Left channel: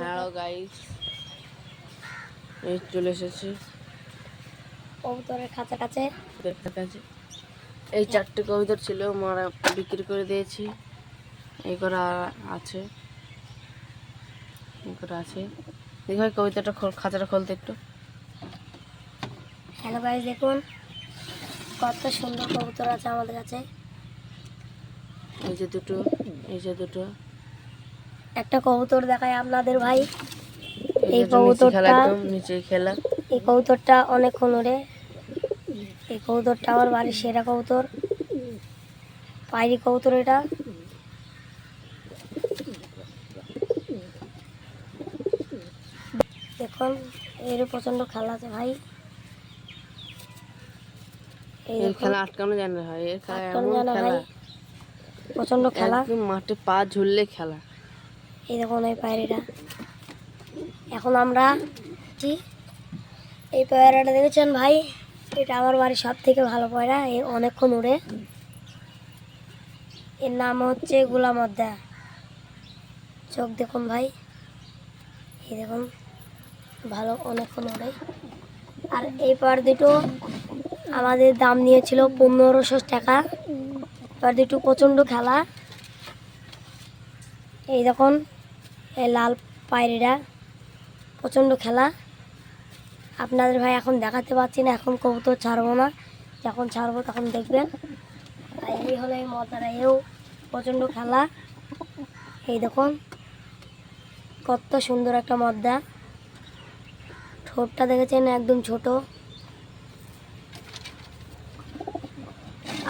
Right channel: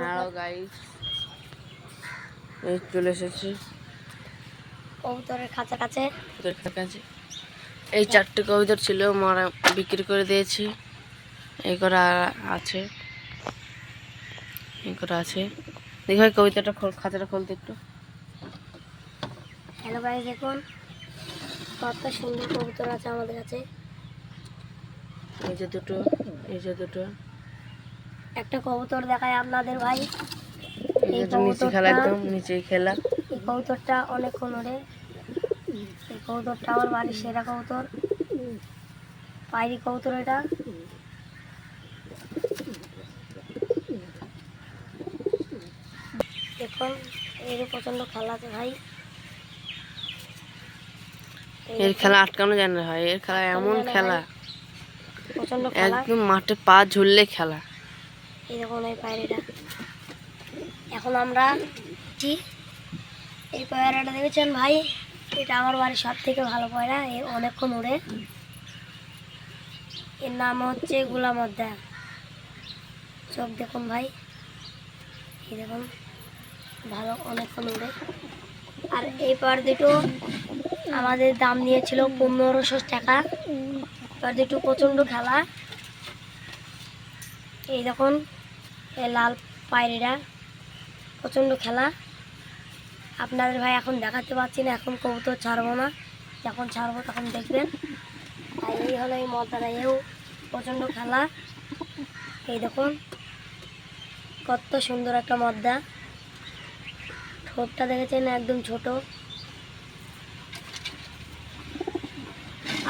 Hello guys, এই চলে এসেছি কবুতরের খাঁচা কাছে। এই 4টে কবুতর ছিল, মারা বিক্রি করে দিয়েছি। এই করা আছে, দেখি ভাই কবিতাটা খাঁচাটা খুলতে একটু। হ্যালো গাইস, দেখুন কত সুন্দর কবুতর আছে আমাদের কাছে। এই যে দুটো একটা কবুতর দেখায় আপনাদের ভাই। এই কবুতরটা একদম নিচেই খেলা। এই কবুতরটা অনেকক্ষণ ওড়ে। এই কবুতরটা আমার বাড়ির সেরা কবুতর, পায়রি কবুতর। এটা দেখুন, এর প্রচন্ড খেলা আছে ভাই। এর খেলা আটকানো যায় না ভাই, এর খেলা এমন খেলা, প্রচন্ড খেলা, একদম মাঠে পা ঝুললে খেলা। এই দেখুন এই পায়রাটা। এখন আমরা এই পায়রাটা দেখেছেন ভাই, এটা আমার বাড়ির সব থেকে ভালো পায়রা। এ অনেকক্ষণ উড়ে। এর নাম হচ্ছে গোলামদ্দা। চোখ দেখুন ভাই, এই দেখুন ভালো, অনেকক্ষণ উড়ে। আর এই পায়রা দুটো আমাদের দাম নিয়েছিল 1500 টাকা। পায়রা দুটো প্রচণ্ড খেলা। এই দেখুন এই লাল পায়রাটা প্রচণ্ড খেলা। আপনাদের ভাই এখন দেখাতে পাচ্ছি না, এখন কবুতর ছাড়বো না, যখন ছাড়বো তখন দেখবেন। আর এই হলো এই মদ্দাটা, এও প্রচণ্ড খেলা। এই দেখুন কত সুন্দর একটা মদ্দা। ঠোঁটটা দেখেছেন একদম ছোট।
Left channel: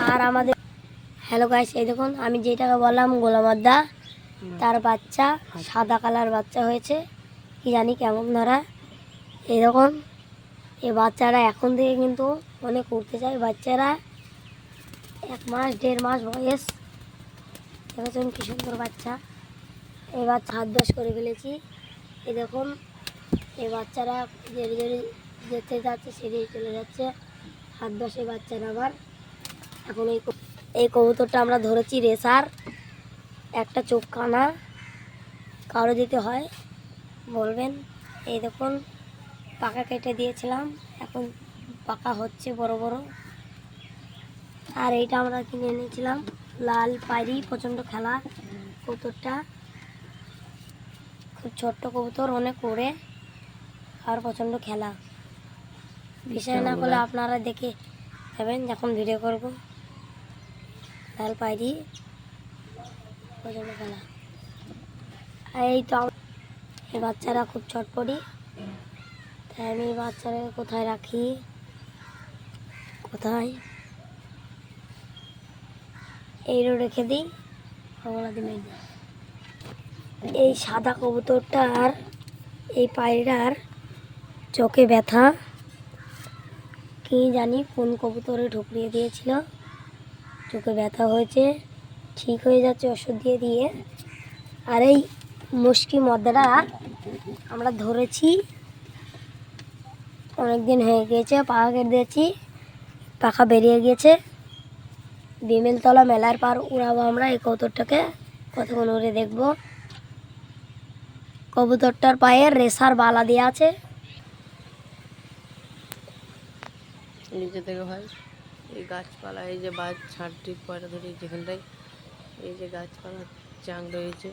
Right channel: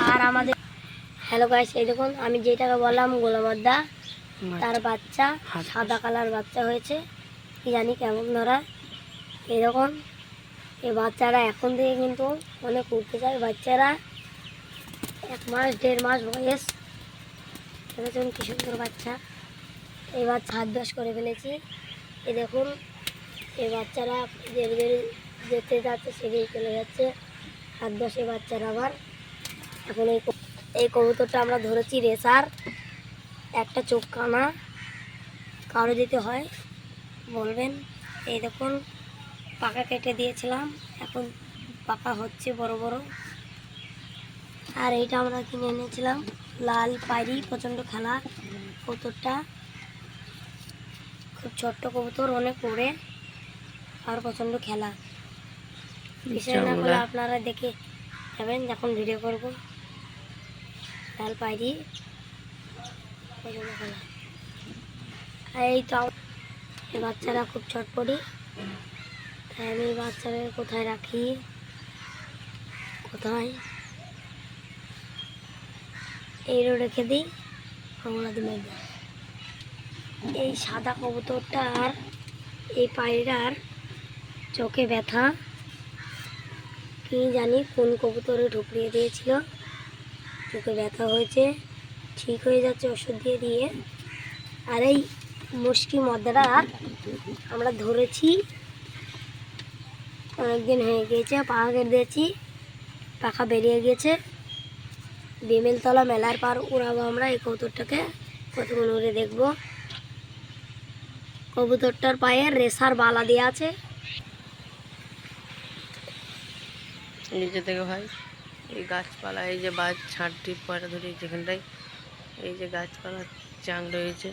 আর আমাদের হ্যালো গাইস, এই দেখুন আমি যেটাকে বললাম গোলামদ্দা, তার বাচ্চা সাদা কালার বাচ্চা হয়েছে। কি জানি কেমন ধরা। এই দেখুন এই বাচ্চারা এখন থেকে কিন্তু অনেক উঠতে চায়। বাচ্চারা 1 মাস 1.5 মাস বয়স। দেখেছেন কি সুন্দর বাচ্চা। এই বাচ্চা হাত দশ করে ফেলেছি। এই দেখুন এই বাচ্চারা ধীরে ধীরে যেতে যাচ্ছে, সেদিকে চলে যাচ্ছে হাত দশে বাচ্চারা। আবার এখন এই কবুতরটা আমরা ধরেছি রেসার, একটা চোখ কানা। কারো দিতে হয় বলবেন। এই দেখুন পাকা কেটে দিয়েছিলাম, এখন পাকা হচ্ছে বড় বড়। আর এইটা আমরা কিনে এনেছিলাম লাল পায়রি, প্রচণ্ড খেলা কবুতরটা। খুব ছোট্ট কবুতর, অনেক পড়ে আর প্রচণ্ড খেলা। বিষয় না করলে আপনারা দেখে যাবেন যখন ভিডিও করব। লাল পায়রি প্রচণ্ড খেলা। আর এই তো এই বাচ্চারা খুব ছটপটি, তাই আমি এই বাচ্চারা কোথায় রাখি, কোথায় এইরও রেখে দিই, কমলা দিয়ে মেরে দিই। এই সাদা কবুতরটার এই পায়রার চোখে ব্যথা, কি জানি কোন কবুতরে ঢুকিয়ে দিয়েছিল, চোখে ব্যথা হয়েছে, ঠিক হয়ে যাচ্ছে ওষুধ দিয়ে দিয়ে। আর এই মুশকি মদ্দাটা আমরা ধরেছি, অনেক দিন হয়ে গিয়েছে, পাখা কেটে দিয়েছি, পাখা বেরিয়ে গিয়েছে। বিমেলতলা মেলার পার উড়াবো আমরা এই কবুতরটাকে, কতক্ষণ উড়ে দেখবো। কবুতরটার পায়ে রেসার বালা দেওয়া আছে। নিচে থেকে ভাই এই গাছপালা, এই যে বাজ ছাড়টি পয়লা ধরে যেখানটায়, এই যে গাছপালা চাং রয়েছে।